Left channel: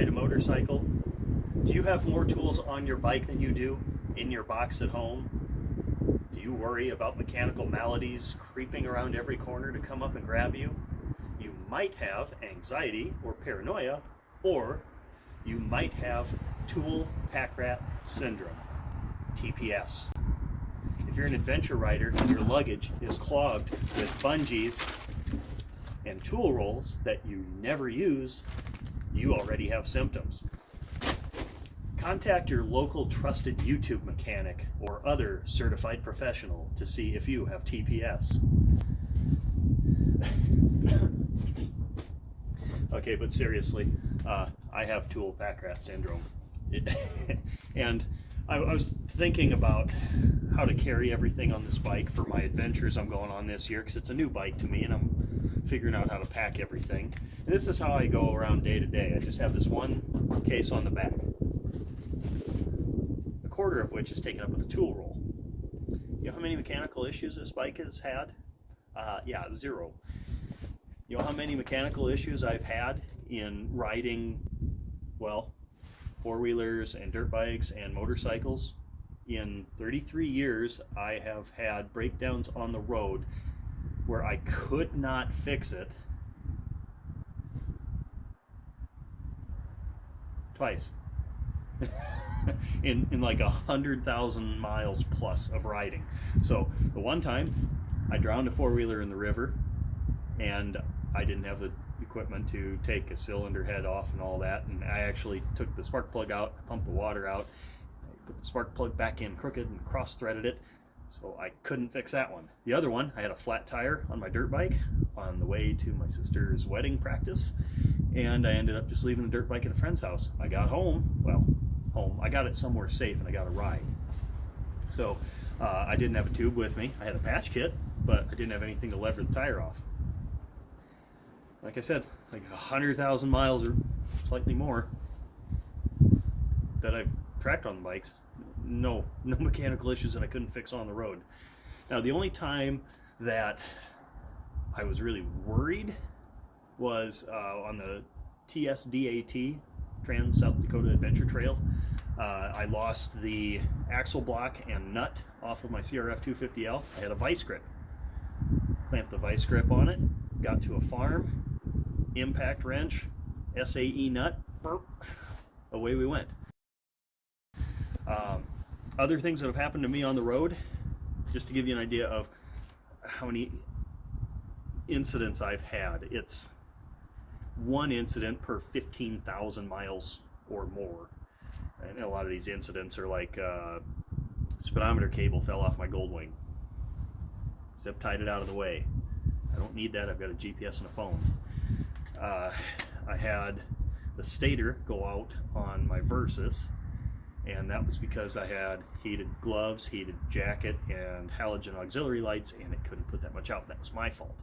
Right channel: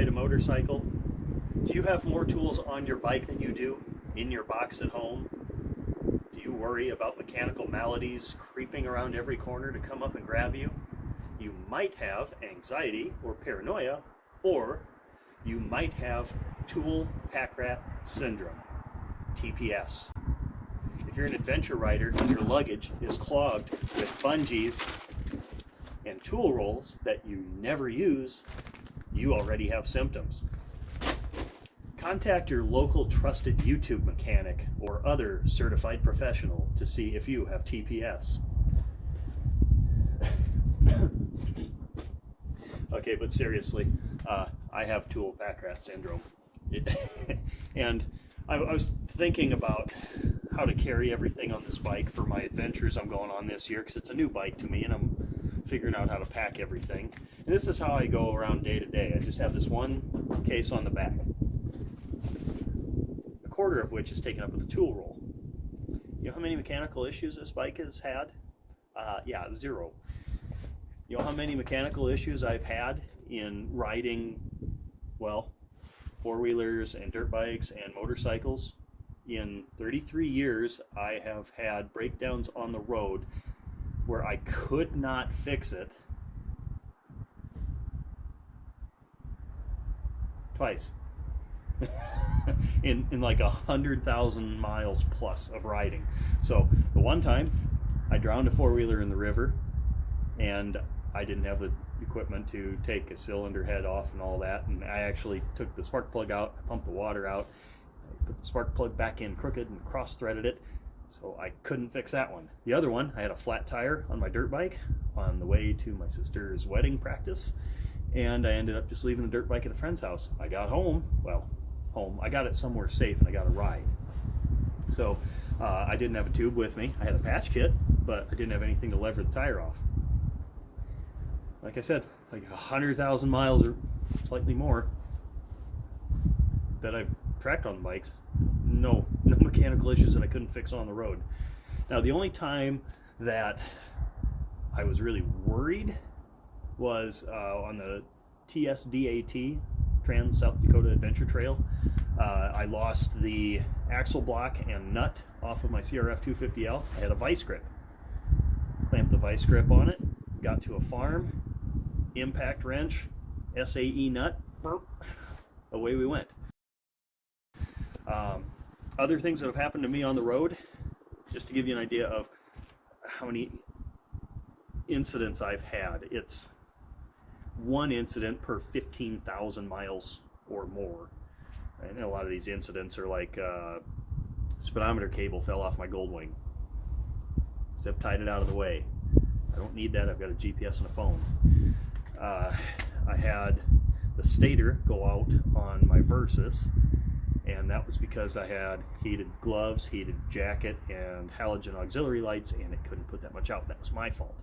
ride a motorcycle? Do you have more tools on your bike than you do in your box at home? Do you worry about mechanical maladies creeping around every corner to come up and grab you? You might have anxiety or paranoia, or you might have tool Packrat syndrome, TPS. If you're an adventure rider and your luggage is clogged with bungees and tool rolls that you never use, you already have symptoms. Contact your local trusted YouTube mechanic or other certified professional to see if you have TPS. Okay, but seriously, I have tool Packrat syndrome. And I was thinking about how to carry everything on this bike for my adventures I'm going on this year, because it's a new bike to me and I'm figuring out how to pack everything. And this is how I go around day to day. I just have this one case on the back, a quarter of which is taken up with a tool roll. You know how many mechanical issues this bike has had? Yeah, 0. You know how many mechanical issues I've had in riding, well, four-wheelers and dirt bikes and motorcycles? In 33 years, I have had breakdowns on the road where I could not fix it twice. in like 100,000 miles plus of riding. So the one time I drowned a four-wheeler in the river, and I didn't have the equipment to take a cylinder head off and all that, and I actually took the spark plug out, pumped the water out, I put the spark plug back in crooked and cross-threaded it, so I couldn't fix that one. The other one, I had a flat tire on my dirt bike on the way to my sister's wedding practice, and I ended up just leaving the dirt bike at a friend's house. I got home, I got it somewhere safe and I got a ride. So I didn't have a tube with me. I had a patch kit, but I didn't have anything to lever the tire off. Like I said, like 100,000 miles or slightly more that I've tracked on bikes. No mechanical issues that I couldn't fix on the road. Now, the only time that I was really worried was on the TSDAT, Trans South Dakota Adventure Trail. I lost the axle block and nut off of my CRF 250L. I had a vice grip. Clamped the vice grip on it, got to a farm, impact wrench, SAE nut, burp, away we went. Other things that have happened to me on the road, just to give you an idea of how many incidents I've had, it's one incident per 15,000 miles or more. And a lot of these incidents are like speedometer cable fell off my Goldwing. Zip tied it out of the way. I don't need that, I've got a GPS and a phone. I had the stator go out on my Versus, and that was because I had heated gloves, heated jacket, and halogen auxiliary lights, and it couldn't put that much out. That was my fault.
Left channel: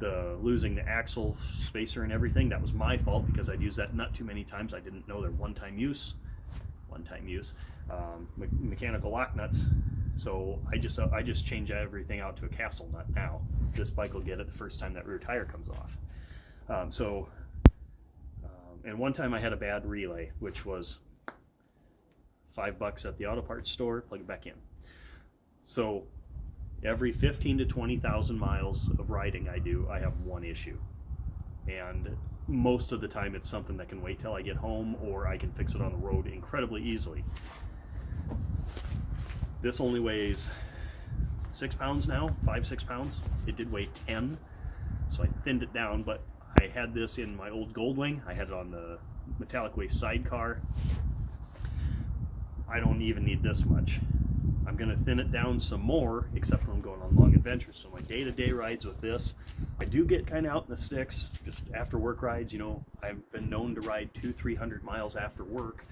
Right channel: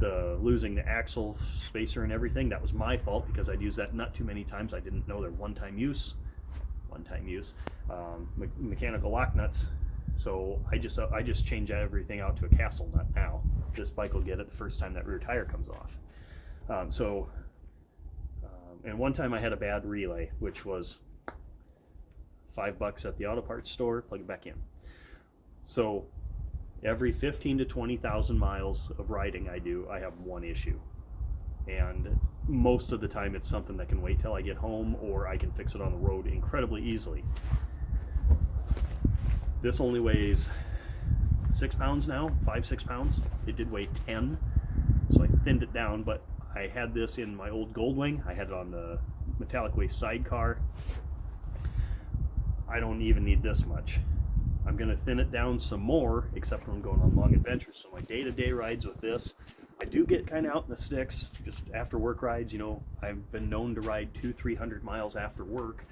Losing the axle spacer and everything, that was my fault because I'd used that nut too many times. I didn't know they're one-time use, mechanical lock nuts. So I just change everything out to a castle nut now. This bike will get it the first time that rear tire comes off. And one time I had a bad relay, which was $5 at the auto parts store, plug it back in. So every 15 to 20,000 miles of riding I do, I have one issue. And most of the time it's something that can wait till I get home, or I can fix it on the road incredibly easily. This only weighs 6 pounds now, 5-6 pounds. It did weigh 10, so I thinned it down, but I had this in my old Goldwing. I had it on the metallic waste sidecar. I don't even need this much. I'm going to thin it down some more, except when I'm going on long adventures. So my day-to-day rides with this, I do get kind of out in the sticks, just after work rides. You know, I've been known to ride 200-300 miles after work.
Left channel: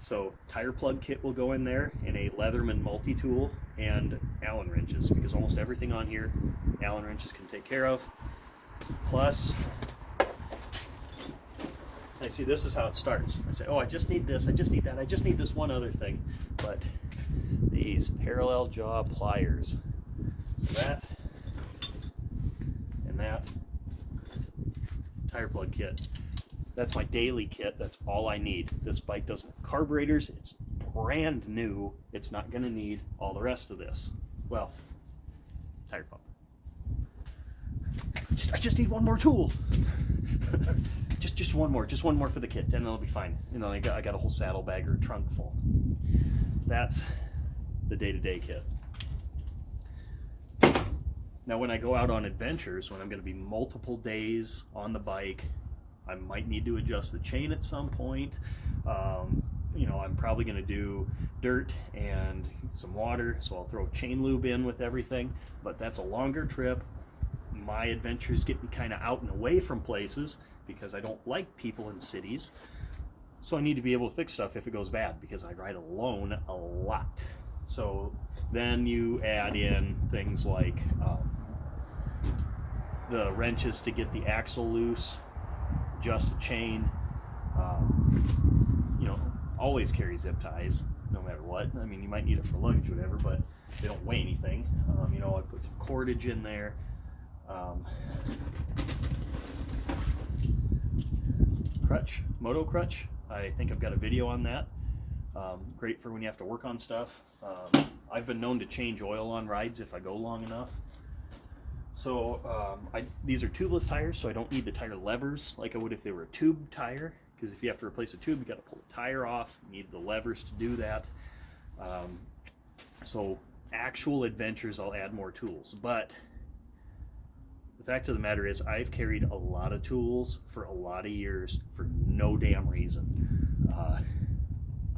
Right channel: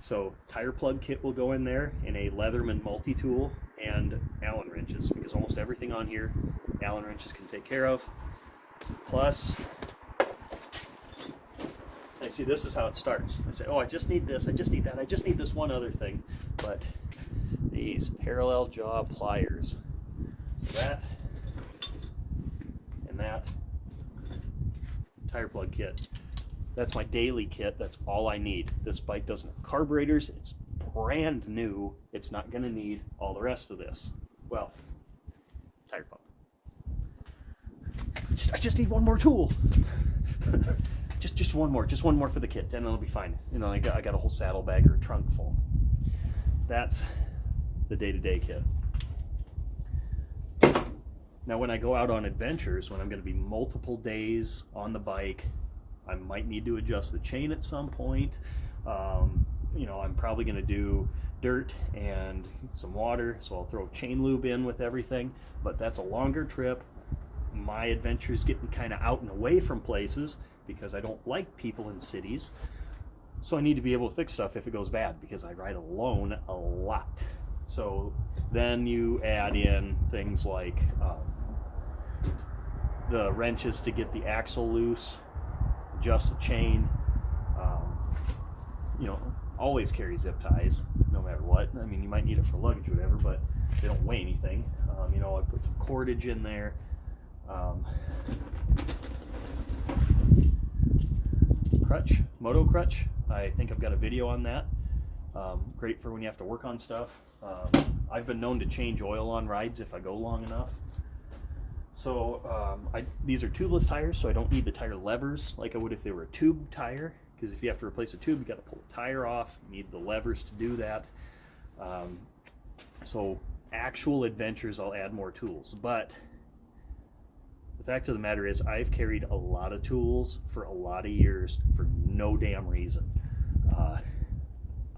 So tire plug kit will go in there, and a Leatherman multi-tool and Allen wrenches, because almost everything on here, Allen wrenches can take care of. Plus, I see this is how it starts. I say, oh, I just need this, I just need that, I just need this one other thing. But these parallel jaw pliers, so that and that tire plug kit, That's my daily kit. That's all I need. This bike doesn't have carburetors. It's brand new. It's not going to need all the rest of this. Well, tire pump. I just need one more tool. just one more for the kit, and it'll be fine. You know, I got a whole saddlebag or trunk full. That's the day-to-day kit. Now, when I go out on adventures, when I'm going to be multiple days on the bike, I might need to adjust the chain at some point. You know, I'm probably going to do dirt and some water, so I'll throw chain lube in with everything, but that's a longer trip. My adventure's getting kind of out and away from places because I don't like people in cities, so I need to be able to fix stuff if it goes bad, because I ride alone a lot. So then you add in things like the wrenches to get the axle loose, adjust the chain, you know, always carry zip ties no matter what. I mean, you might need it for luggage or whatever, but they don't weigh anything. You know, I put some cordage in there. Crutch, moto crutch. I think I've got a video on that. Great for when you have to work on stuff. I've been known to change oil on rides if I go long enough. So these are tubeless tires, so I don't need the tire levers like I would if they were a tube tire, because if you have to replace a tube, you got to pull the tire off. You need the levers to do that. So actual adventures, I'll add more tools, but the fact of the matter is I've carried a lot of tools for a lot of years for no damn reason.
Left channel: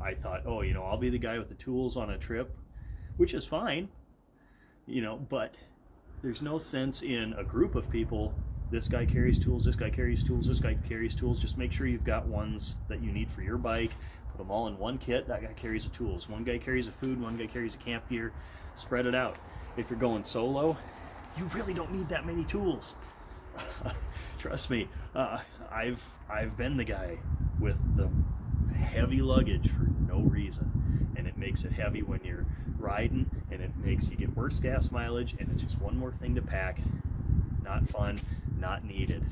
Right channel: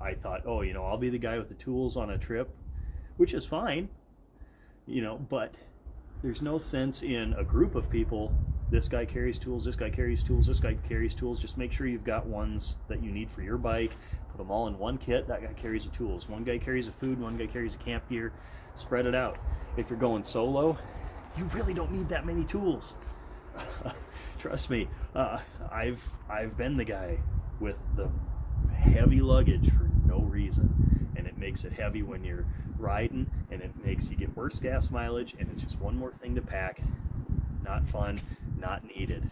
I thought, oh, you know, I'll be the guy with the tools on a trip, which is fine, you know, but there's no sense in a group of people. This guy carries tools, this guy carries tools, this guy carries tools. Just make sure you've got ones that you need for your bike. Put them all in one kit. That guy carries the tools. One guy carries the food, one guy carries the camp gear. Spread it out. If you're going solo, you really don't need that many tools. Trust me, I've been the guy with the heavy luggage for no reason, and it makes it heavy when you're riding, and it makes you get worse gas mileage, and it's just one more thing to pack. Not fun, not needed.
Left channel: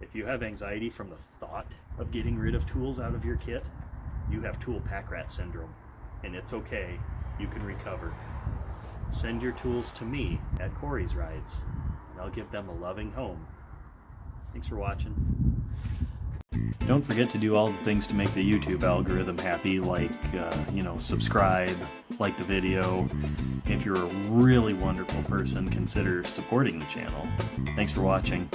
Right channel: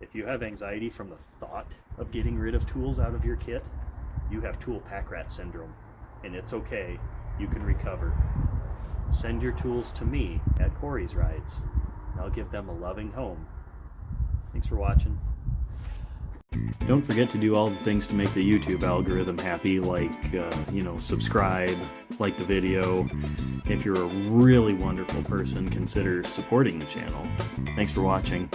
If you have anxiety from the thought of getting rid of tools out of your kit, you have tool Packrat syndrome, and it's okay. You can recover. Send your tools to me at Kory's Rides, and I'll give them a loving home. Thanks for watching. Don't forget to do all the things to make the YouTube algorithm happy, like, you know, subscribe, like the video. If you're a really wonderful person, consider supporting the channel. Thanks for watching.